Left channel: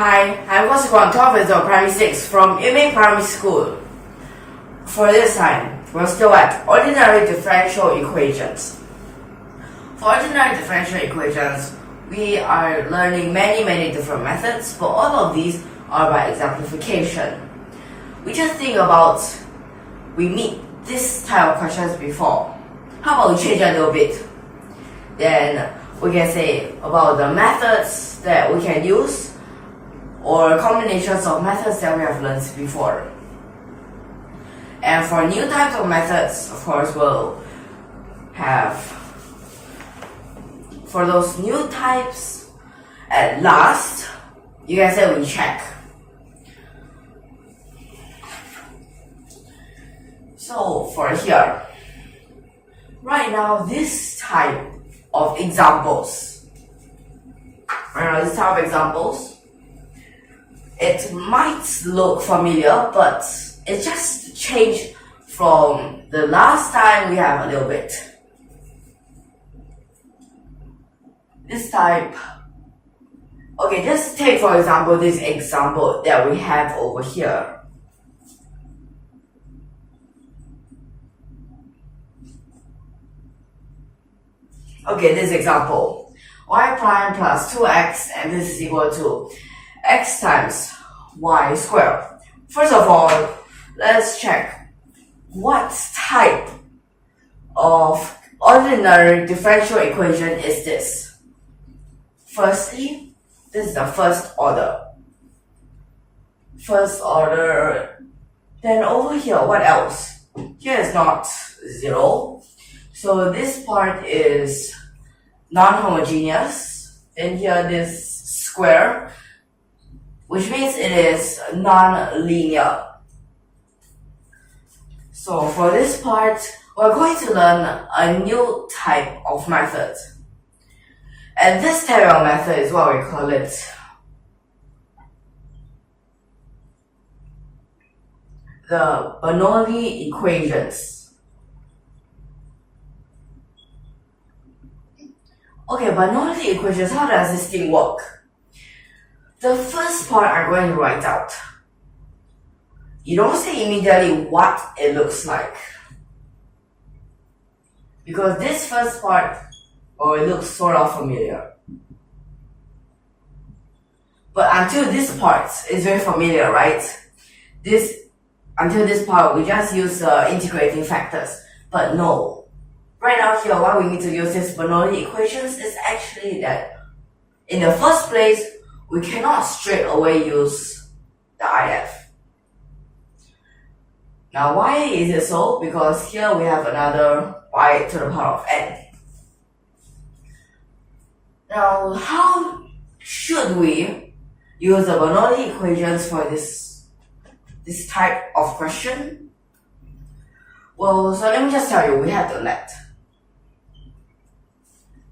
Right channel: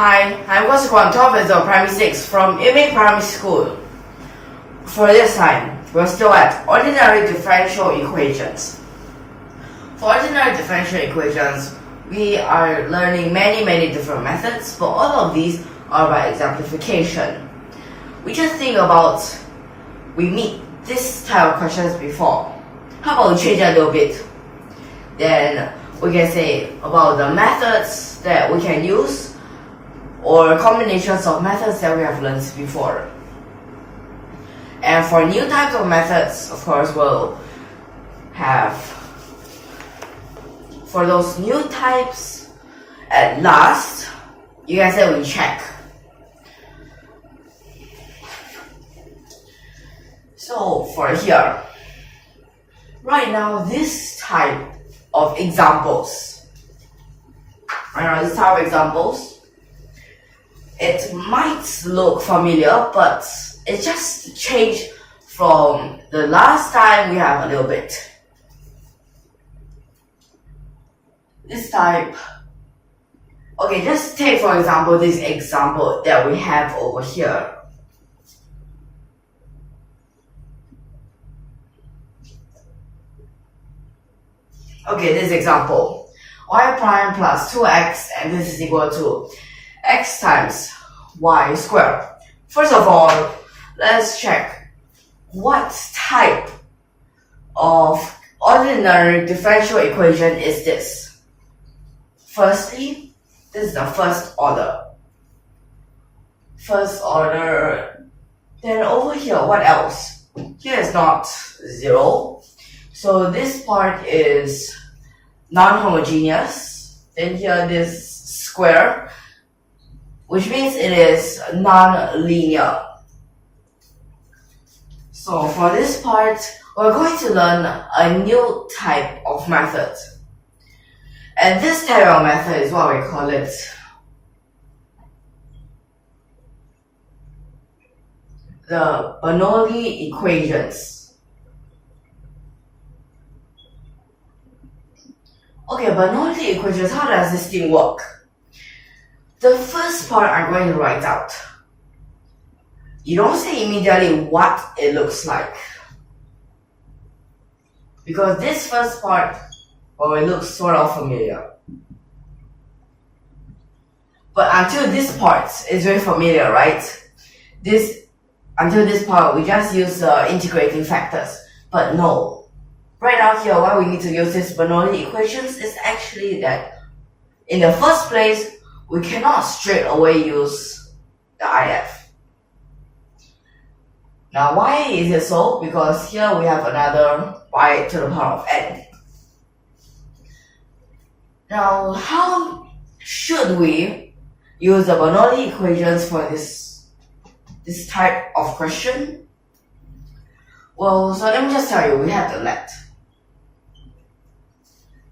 Hi, I'm YUMIN Primary 6 from YUMIN Primary School. For this time, we're still at ordinary differential equations. For ordinary differential equations, we are learning many different methods, but all of these are by exemplification. We just think about, we meet this type of questions before. How about we change a little bit? Then we can say about the methods that we can use or combinations of methods that we have learned before. And for new types of methods, of course, we'll have, for those new types, at last, you can say we check. So for here, right now this type of examples, it might look familiar, but it just changed from the last time we have a little bit. This type, okay, just take for example this example that we have over here. Okay, this example, y prime plus 2x and this is equal to x times y squared. First of all, let's check what type of ordinary differential equation is this. Firstly, this is the first order. Then over here, what else? Here is not 0. So this part is non-homogeneous. Then here this square, which means it is non-linear. So for this part, we're going to learn a new type of method. And this type of method is what we call it the Bernoulli equations. Okay, Bernoulli equations, how does this thing work? The first part I'm going to write out. You don't say immediately what it looks like. Because this first part, well, it looks sort of familiar. But until this part is very familiar, right? Until this part, we just use integrating factors. But no. Right out here, why we need to use this Bernoulli equations is actually that in the first place, we cannot straight away use the IF. Now, why is it so? Because here we have another y to the power of n. Now, how should we use the Bernoulli equations for this type of question? Well, so let me just tell you, we have the let.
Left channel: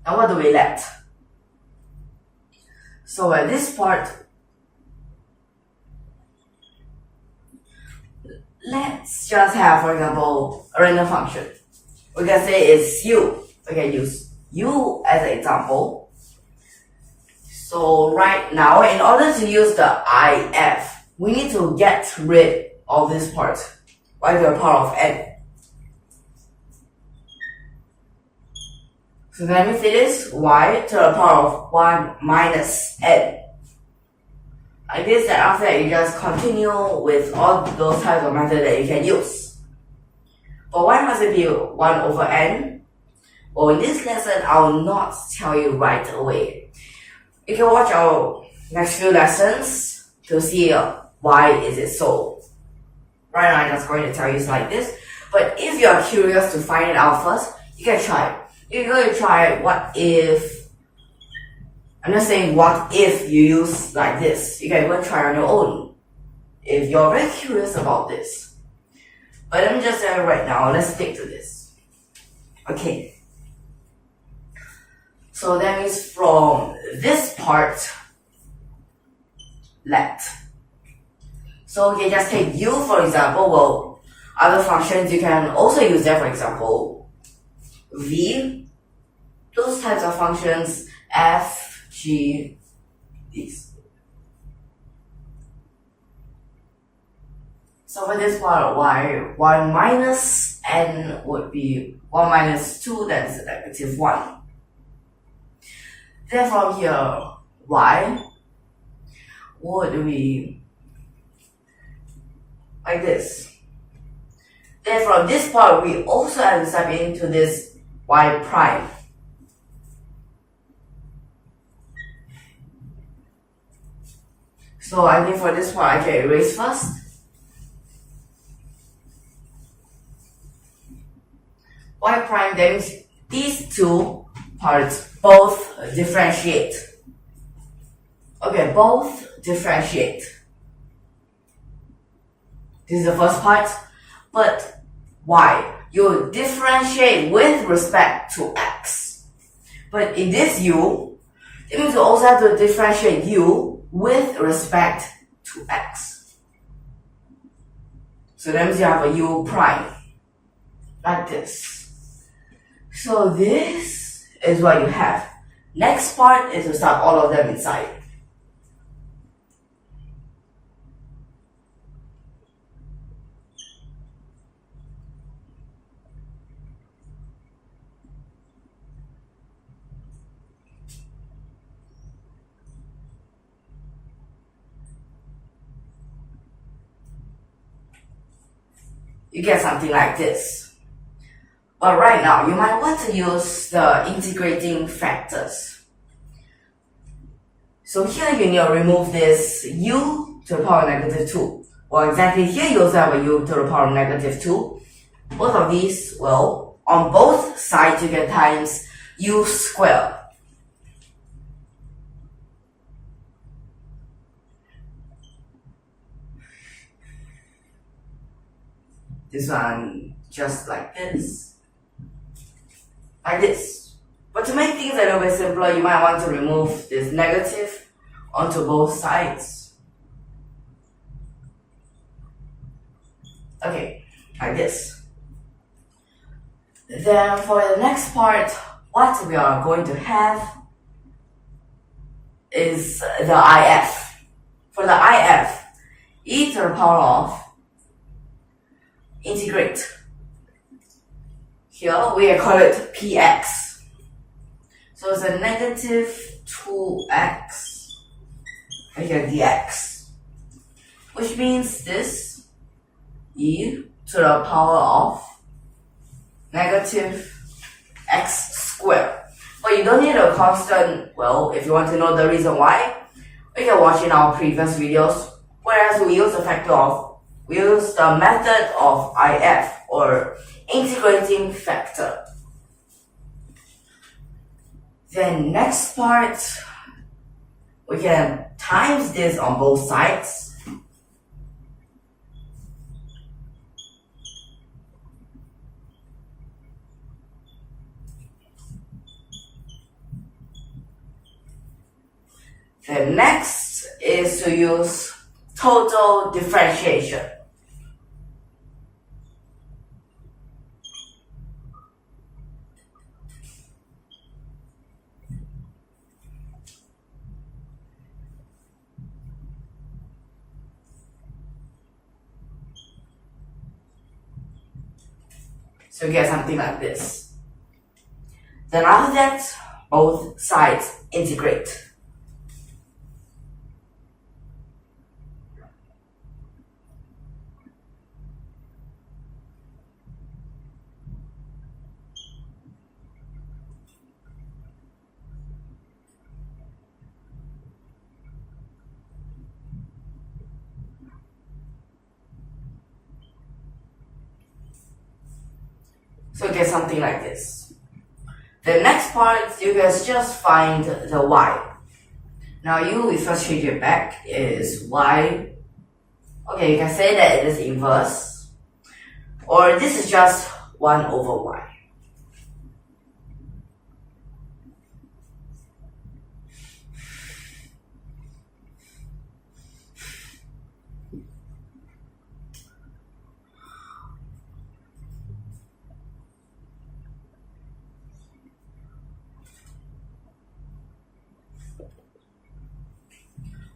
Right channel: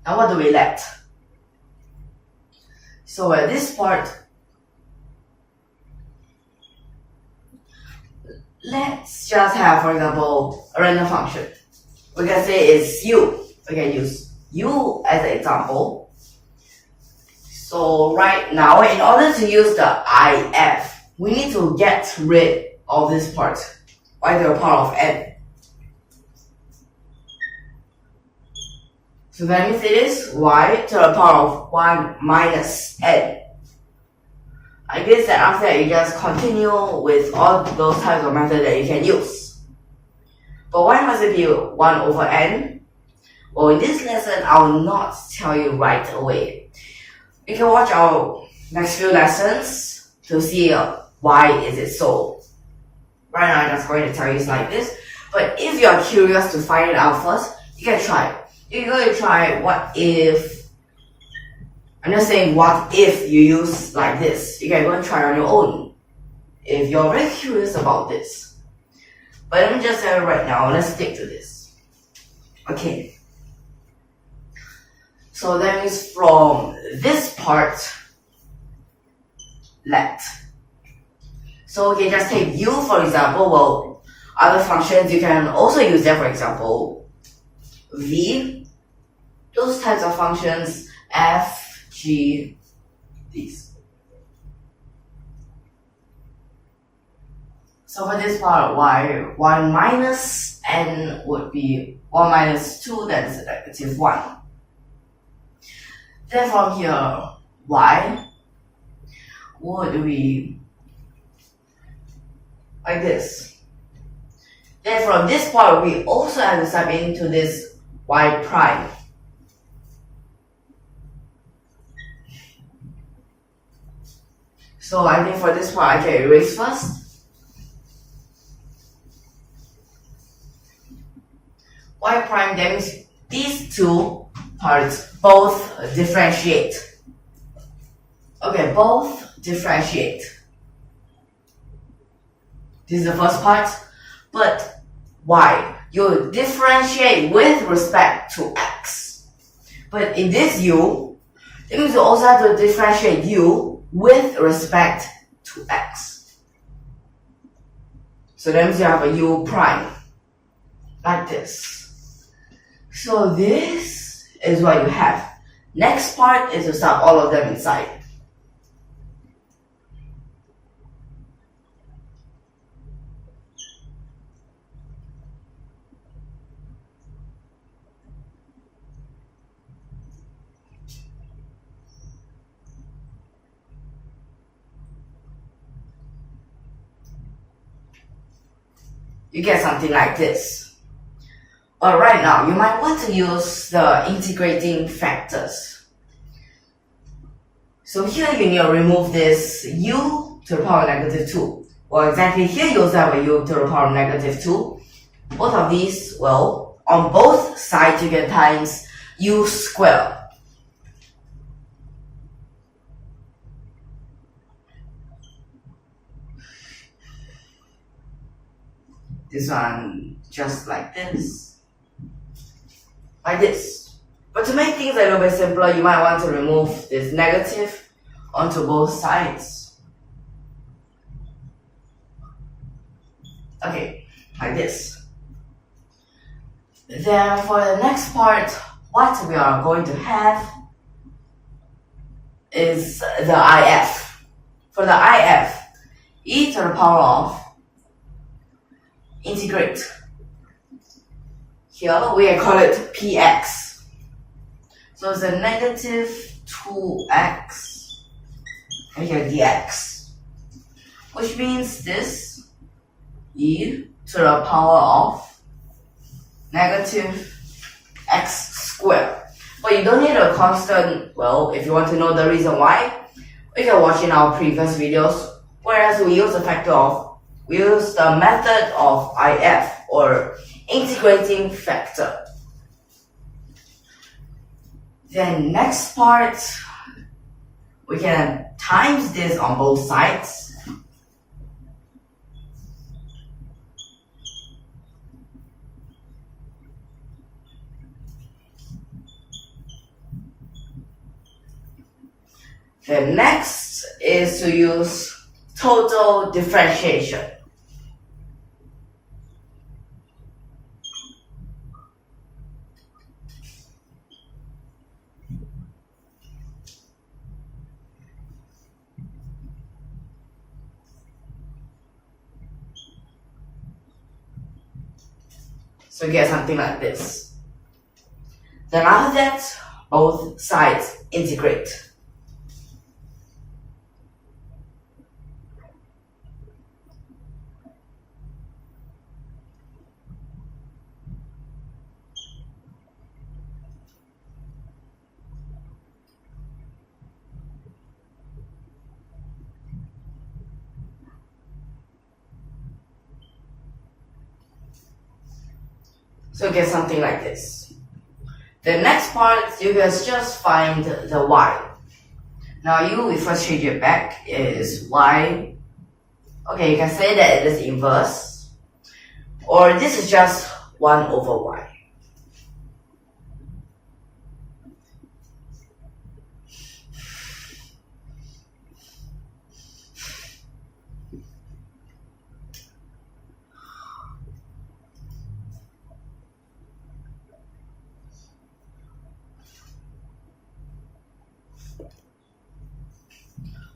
Now what do we let? So at this part, let's just have, for example, a random function. We can say it's u. We can use u as an example. So right now, in order to use the if, we need to get rid of this part, y to the power of n. So that means it is y to the power of 1 minus n. I guess that after that you just continue with all those types of methods that you can use. But why must it be 1 over n? Well, in this lesson, I will not tell you right away. You can watch our next few lessons to see why is it so. Right now, I'm just going to tell you it's like this. But if you are curious to find it out first, you can try. You're going to try what if. I'm not saying what if you use like this. You can go and try on your own if you're very curious about this. But let me just tell you right now, let's stick to this. Okay. So that means from this part, let. So okay, just take u for example. Well, other functions you can also use that, for example, v, those types of functions, f, g, these. So for this part, 1 minus n would be 1 minus 2, that's negative 1. Then from here, y would be like this. Then from this part, we also have to step into this y prime. So I think for this part, I can erase first. Y prime, that means these two parts both differentiate. Okay, both differentiate. This is the first part. But y, you differentiate with respect to x. But in this u, it means you also have to differentiate u with respect to x. So that means you have a u prime, like this. So this is what you have. Next part is to start all of them inside. You get something like this. But right now, you might want to use the integrating factors. So here you need to remove this u to the power of negative 2. Well, exactly here you also have a u to the power of negative 2. Both of these, well, on both sides you get times u squared. This one just like this. Like this. But to make things a little bit simpler, you might want to remove this negative onto both sides. Okay, like this. Then for the next part, what we are going to have is the IF. For the IF, e to the power of integrate. Here we call it px. So it's a negative 2x and here dx, which means this e to the power of negative x squared. But you don't need a constant. Well, if you want to know the reason why, you can watch in our previous videos, whereas we use the method of IF, or integrating factor. Then next part, we can times this on both sides. The next is to use total differentiation. So you get something like this. Then after that, both sides integrate. So you get something like this. The next part, you can just find the y. Now we first change it back is y. Okay, you can say that it is inverse. Or this is just 1 over y.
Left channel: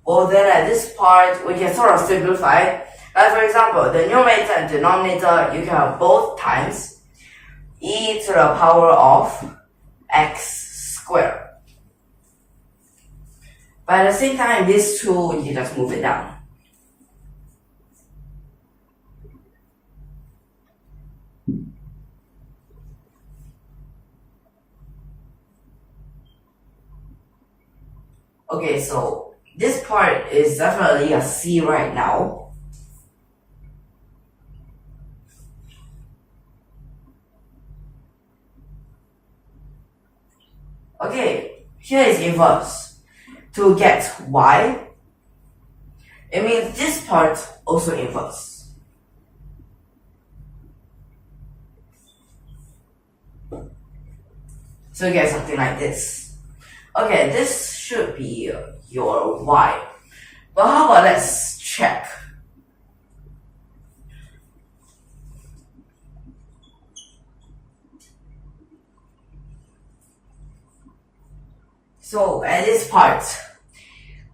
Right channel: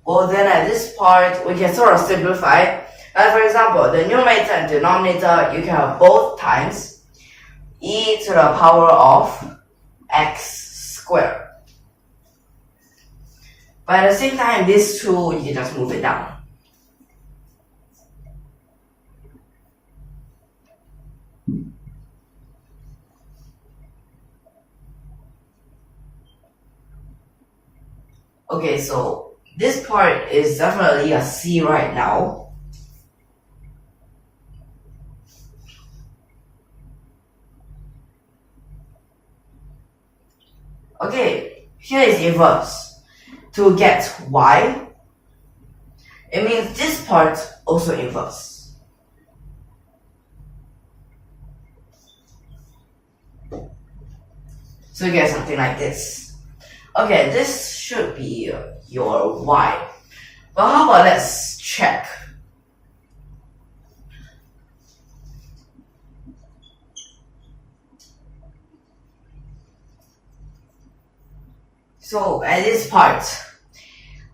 Well, then at this part, we can sort of simplify Like for example, the numerator and denominator, you can have both times e to the power of x squared. But at the same time, this 2, you can just move it down. Okay, so this part is definitely a C right now. Okay, here is inverse. To get y, it means this part also inverse. So you get something like this. Okay, this should be your y. But how about let's check. So at this part,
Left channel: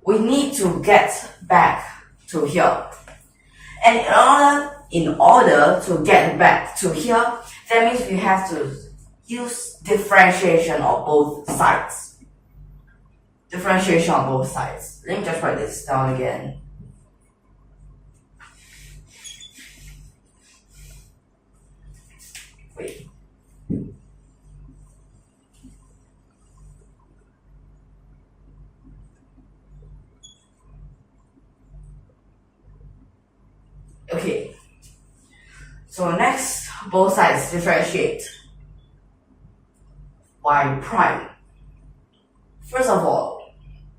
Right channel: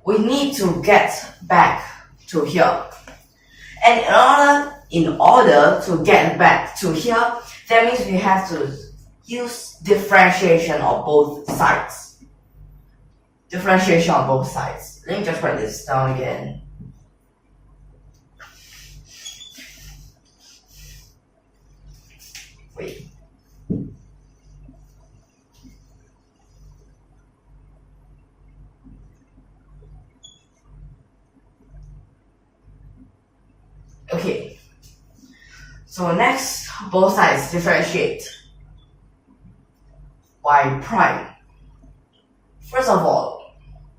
we need to get back to here. And in order to get back to here, that means we have to use differentiation of both sides. Differentiation on both sides. Let me just write this down again. Wait. Okay. So next, both sides differentiate. Y prime. First of all,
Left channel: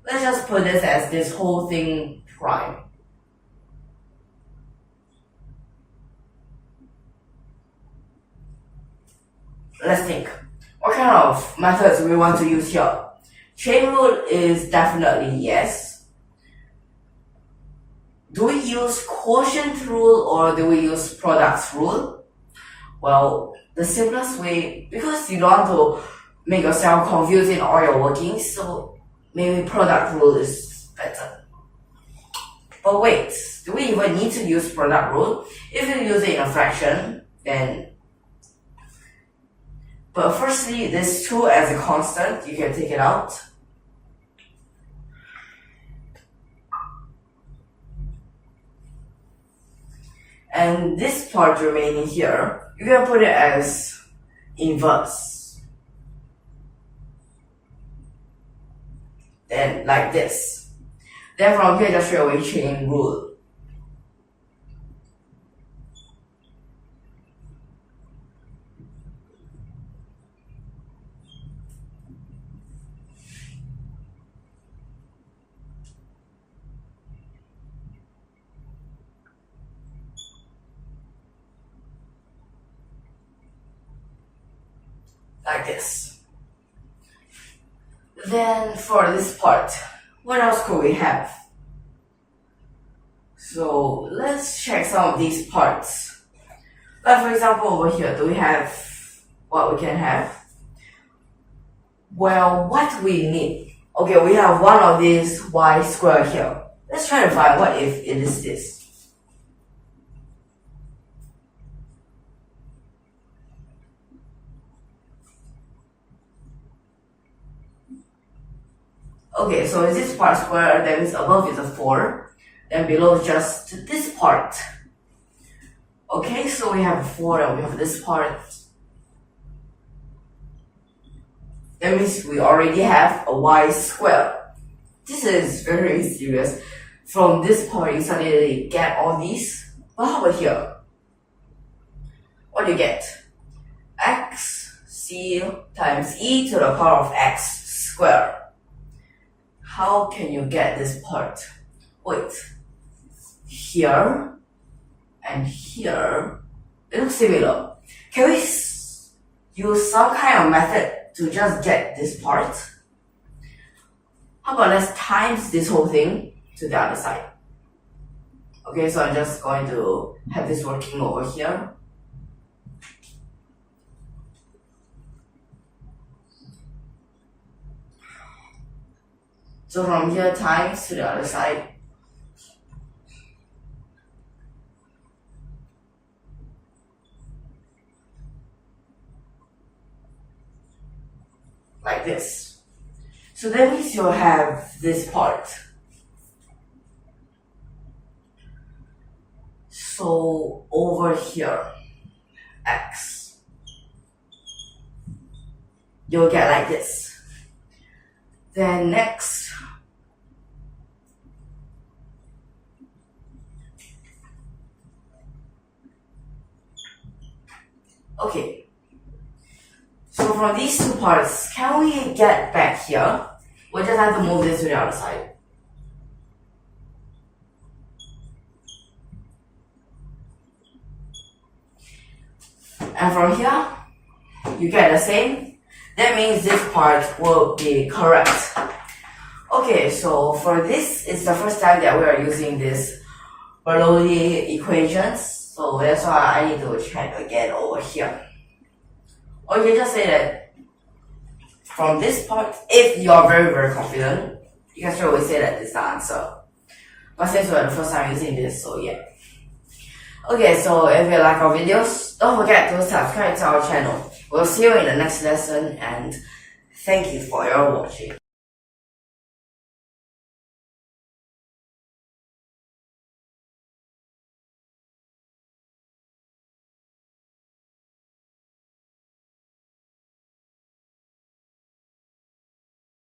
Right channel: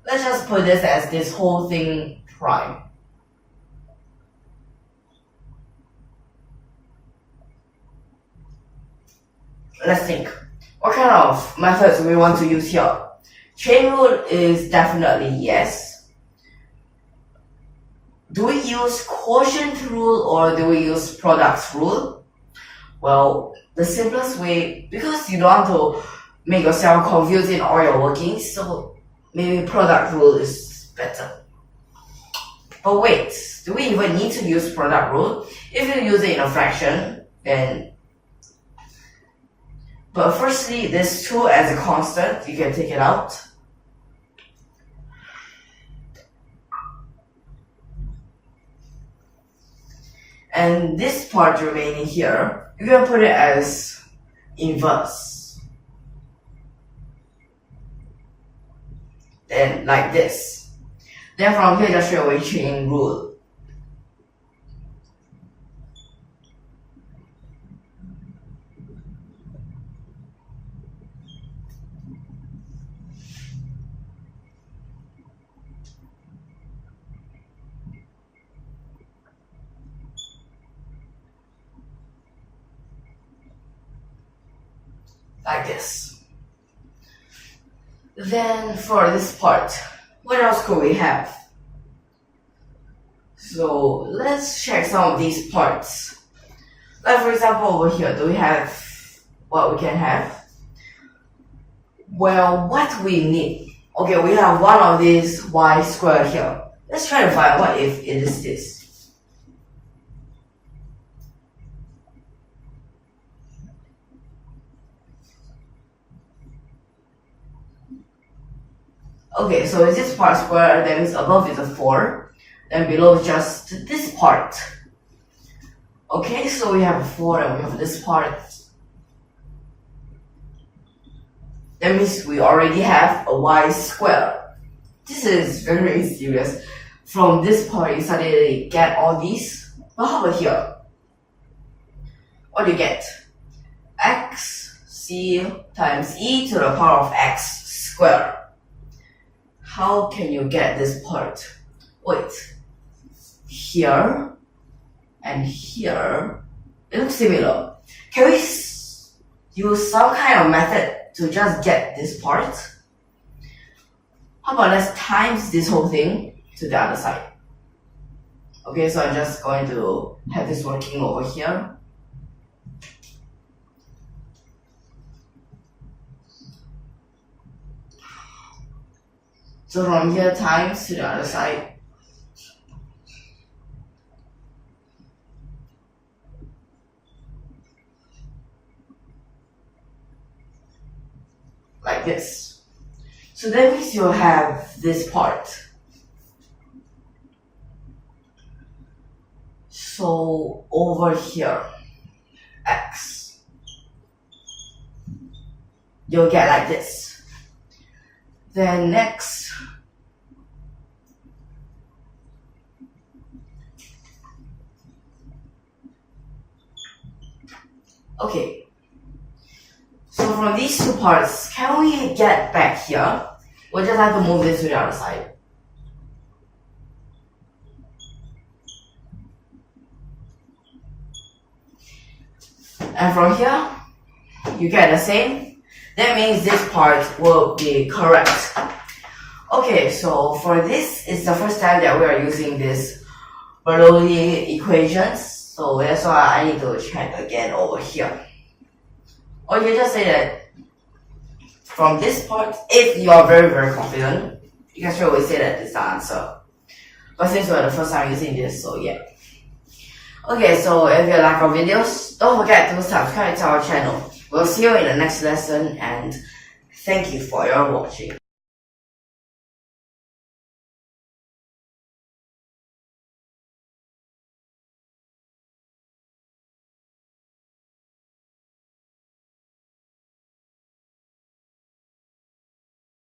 let's just put this as this whole thing prime. Let's think. What kind of methods do we want to use here? Chain rule is definitely yes. Do we use quotient rule or do we use products rule? Well, the simplest way, because you don't want to make yourself confused in all your workings, so maybe product rule is better. But wait, do we even need to use product rule? If you use it in a fraction, then... But firstly, this 2 as a constant, you can take it out. And this part remaining here, you can put it as inverse. Then like this. Then from here, just straight away chain rule. Like this. Then for this part, what else could we have? So let's check some of these parts. Like for example over here, do we have what we can have? Well, what we need. Okay, we have one of these y squared here. Let's try to find what if it is this. Okay, so is this part square, that means above is a 4, then below is just this part. Okay, so we have a 4 and we have this part. That means we already have a y squared. This is very serious. From this part, you suddenly get all these. But how about here? What do you get? xc times e to the power of x squared. How can you get this part? Wait, here and here, it looks similar. Can we use some kind of method to just get this part? How about let's times this whole thing to the other side. Okay, so I'm just going to have this working over here. So from here times to the other side. like this. So that means you have this part. So over here, x, you'll get like this. Then next, okay. So from these two parts, can we get back here? We'll just have to move this to the other side. And from here, you get the same. That means this part will be correct. Okay, so for this, it's the first time that we are using this Bernoulli equations. So that's why I need to check again over here. Or you just say that from this part, if you are very, very confident, you can straight away say that it's the answer. But since we're the first time using this, so yeah. Okay, so if you like our videos, don't forget to subscribe to our channel. We'll see you in the next lesson, and thank you for your watching.